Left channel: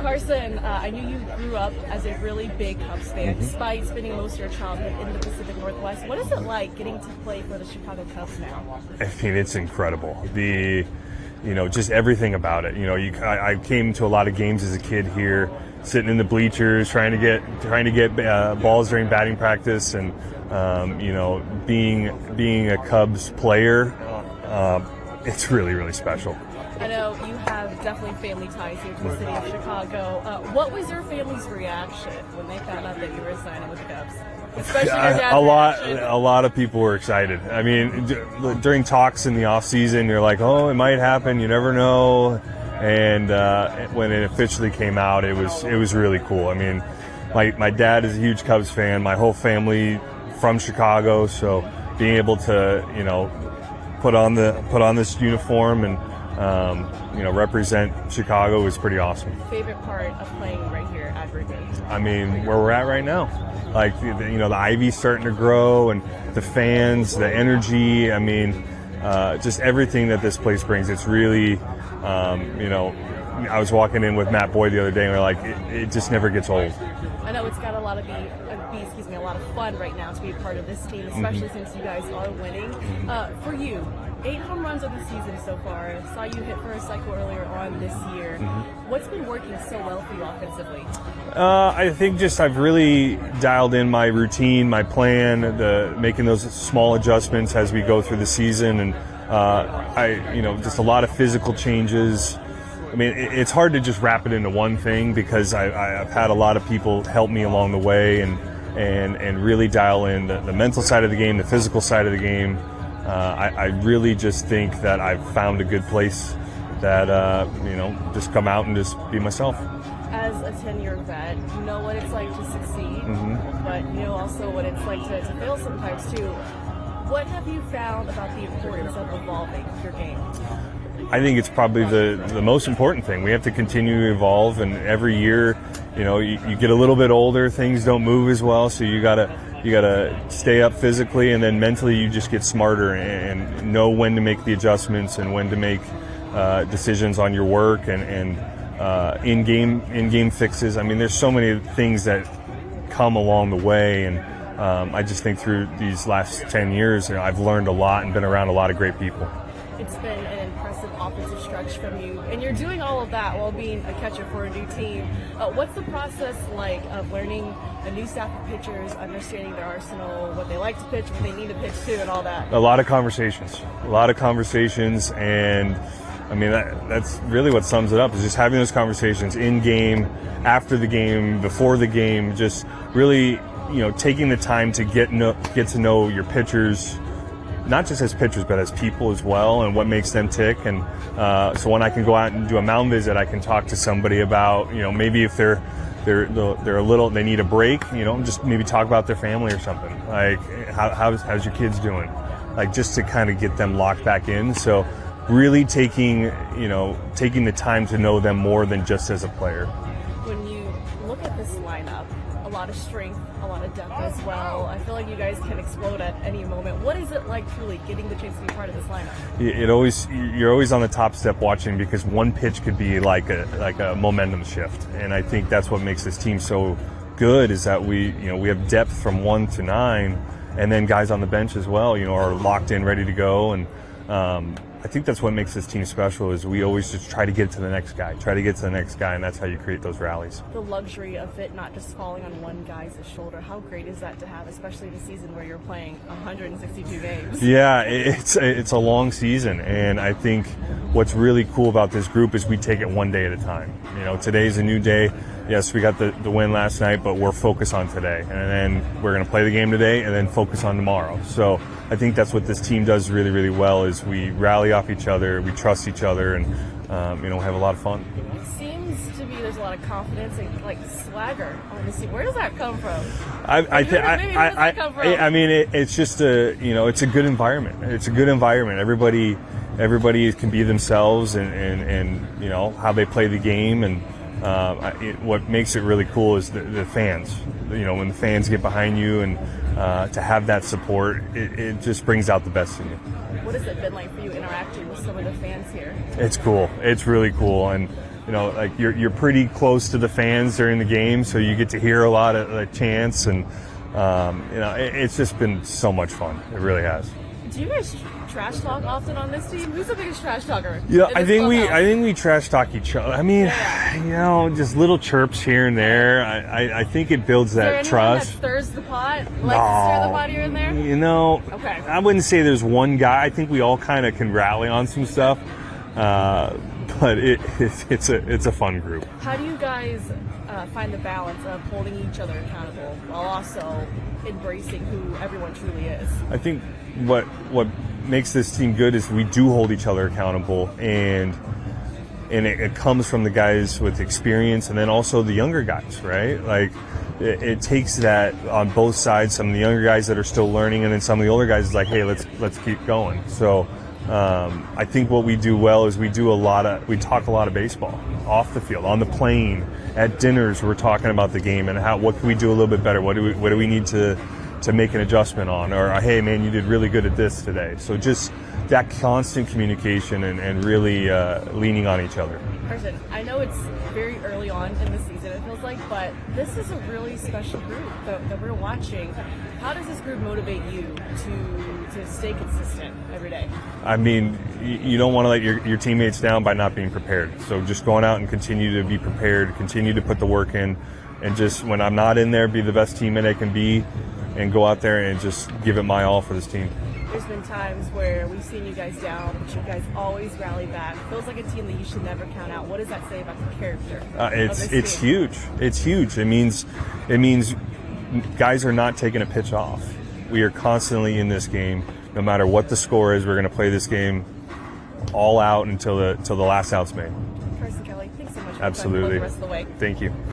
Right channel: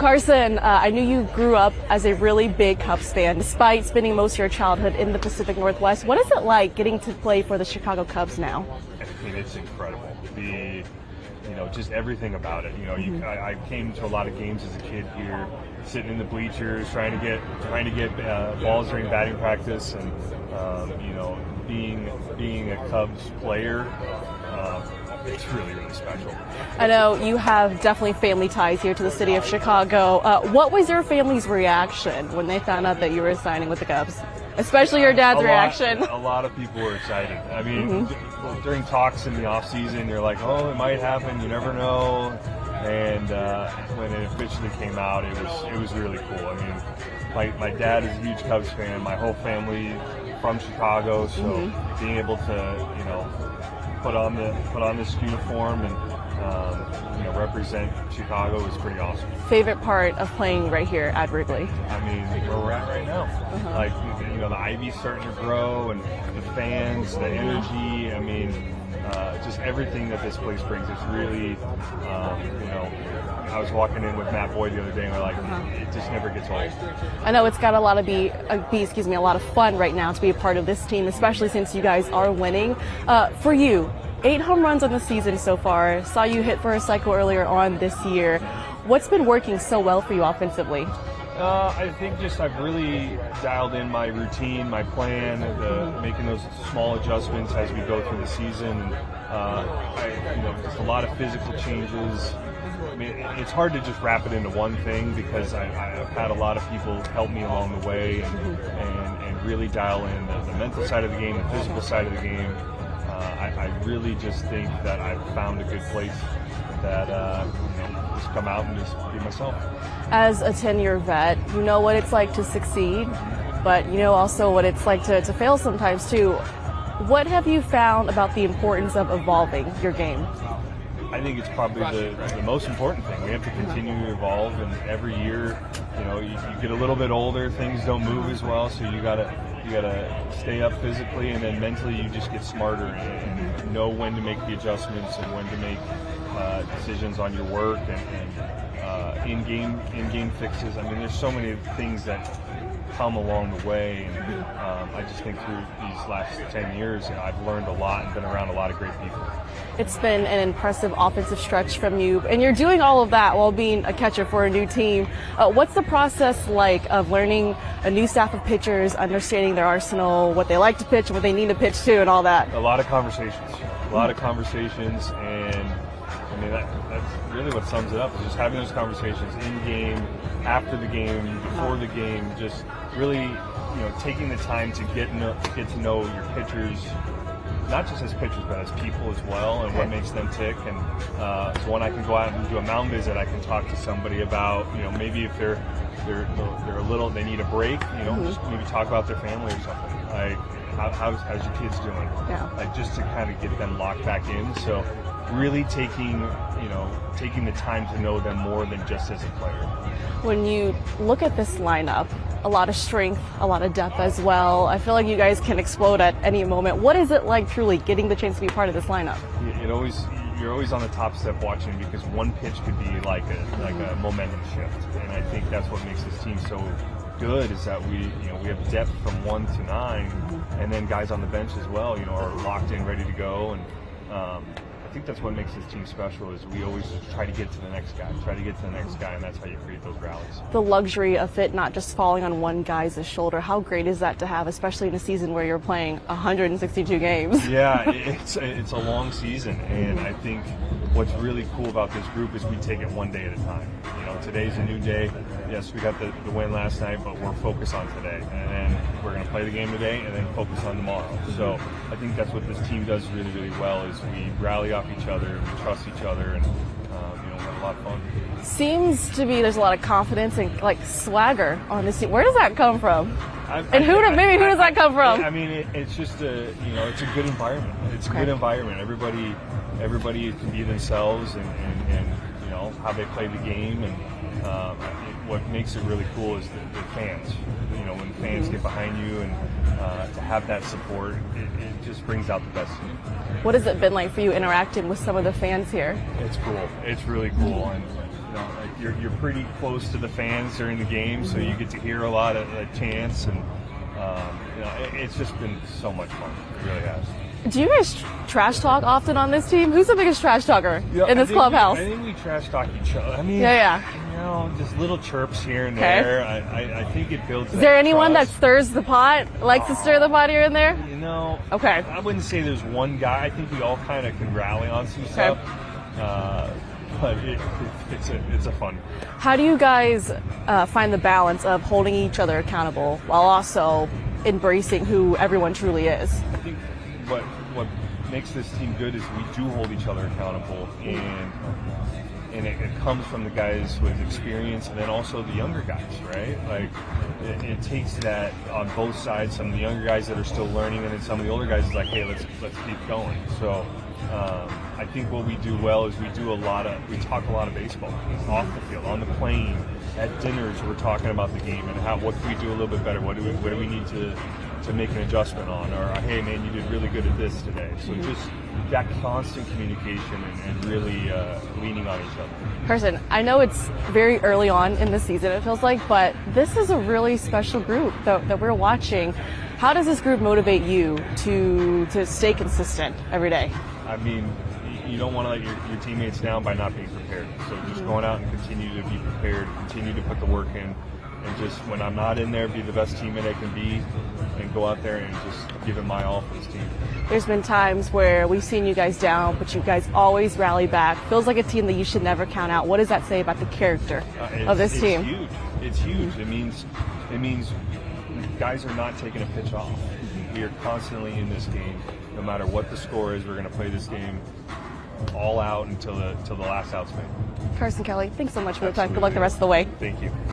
Carson, I knew you grew up as a really big Cubs fan, despite spending most of your childhood in the Pacific Northwest. What is it like getting to play for the Chicago Cubs now? I mean, it's incredible. Just everything about it. I came to a lot of games as a kid here, sitting in the bleachers, trying to get balls during batting practice, and being a Cubs player. It's really, really special. I know you have definitely family ties here to the city of Chicago. What was your family's reaction when they found out that you were signing with the Cubs? Especially your dad's reaction. A lot of people were excited. I mean, during talks in the off season, you're like, oh, it might happen. You never know. And when it officially came out, it was really cool. I mean, my dad is a huge Cubs fan. My whole family from Chicago, so being able to put on this uniform and represent Chicago is pretty awesome. Favorite part of playing right here at Wrigley? I mean, where we're at right now, like the ivy's starting to grow, and the fans, the energy. I mean, just everything that this place brings. It's really, I was walking in with Matt Boyd the other day, and we're like, it just never gets old. I know it's got a lot of fun right now to be a part of this team, especially since you guys are winning. For you, 8 home runs on the season so far. Saw you hit for a cycle earlier on this year. What's been working so well for you offensively? I think I've really dialed in my routine, my plan, making those small adjustments as we go through the season, and just a lot of physical changes. I mean, it's hard to just wrap it into one thing because I've had a lot of people help me along the way and really dial in the mental side of the game, the physical side of the game. I really just think that I've found a good place that, just come out and just be myself. As a 10-year vet, you know what it's like to succeed, but you know also what it's like to fail sometimes too. What have you found about the importance of evolving your game? I think it's probably the most important thing. We have to continue to evolve, and every year, you get a little bit older, things don't move as well, so you gotta stay up physically, and then mentally you just get smarter and know when to make the adjustments and when to make decisions on your work and in-game fixes. I mean, there's so many things that come along the way, and I just think through these last 10 years, I've learned a lot and been around a lot of great people. It's been an impressive offensive stretch from you, and you're doing all of that while being a catcher for a new team. What's the process like of learning a new staff of pitchers, understanding their arsenal, what they like to pitch, what they need to pitch to, and all that? A lot of conversations, and I mean, that's really what sums it up, is just having those conversations in game, after the game, before the game, just really, taking the time to get to know your pitchers, not just as pitchers, but as people as well, and what makes them tick. And so when I can go out and do a mound visit, I can talk to somebody about, maybe if they're a little, they need a break, just maybe talk about their family or something. Like, how's your kids doing? Yeah. Like, just to kind of get them locked back in. So really taking the time to know them more than just as a player. When you look at this lineup, a lot of strength, a lot of depth as well. I feel like you guys can explode at any moment. What is it like truly getting the chance to be part of this lineup? You're always on the top step watching, because one pitch could be like a momentum shift, and I think that's what makes this team so good, is that we have depth from 1 to 9, and then guys on the bench as well, are locked in, ready to go, and I think that's what makes this team special, is we always just try to get to the next guy, and that's how you create those rallies. The luxury of it not just falling on one guy's shoulder, how great is that to have, especially in a season where you're playing 162 games? Yeah, it's a long season, and I think what's really cool about this group is we take it one day at a time. Today's a new day. Yes, we got the win last night, but we're focused on today, and then we're going to play the game today and then focus on tomorrow. So I think that's what this team does really, really well, is we rally off each other, we trust each other, and have a lot of fun. Seems to be there's a lot of confidence and swagger on this team. Where does that come from? Who does that come from? I mean, it's just it's a good environment. It's a good environment. Everybody can be themselves, and how they play the game, and what makes it really cool is the fans. When the fans get behind you, and to have that support, it just brings out the best in you. What has it been like for you interacting with some of the fans here? It's cool. It's really cool, and like you're pretty close to the fans during the game, so you get to hear a lot of the chants, and it's just been so much fun. It really has. Do you guys trash talk often on this team? Who's the biggest trash talker in this clubhouse? I think we trash talk each other. I mean, just little chirps here and there. I think it builds that trust. Is there anyone that stirs the pot, likes to stir the pot here and there? Okay. I wouldn't say there's one guy. I think we all kind of can rally on some stuff. But it's a fun group. How do you guys find the balance of holding each other accountable while also embracing who everyone truly is? I think what makes this team good is we do hold each other accountable, and it comes from the guys with experience, and then also the younger guys, right? Like it takes that on both sides. Some of the younger guys that are still learning, and then some of the older guys is like, hey, let's keep going. So I think what we do well is we talk a lot of baseball off the field, on the plane, at dinners. We're talking about the game and what can we do a little bit better. What do we need to make an adjustment on, or hey man, you did really good at this today. So just that constant communication and really leaning on each other. Carson, I know it's very early on in the season, it feels like, but this is a really special group that we're watching. How does this group motivate you to stay consistent every day? I mean, you don't want to let your teammates down by not being prepared. So just going out and continue to be prepared, continue to put the work in, and just when I'm not in there, be the best teammate I can be, and go out there and just give it my all for this team. There's been times where we've seen you guys down, but you guys always rally back. Feels like a team that you should never count out. What does that say about the character of this team? It's huge. It's huge. It means guys are not taking a pitch off. We are constantly in this game. No matter what the score is, we're going to play this game all out until the last out's made. Carson Kelly, thanks so much for your time. Absolutely. Good luck the rest of the way. Thank you.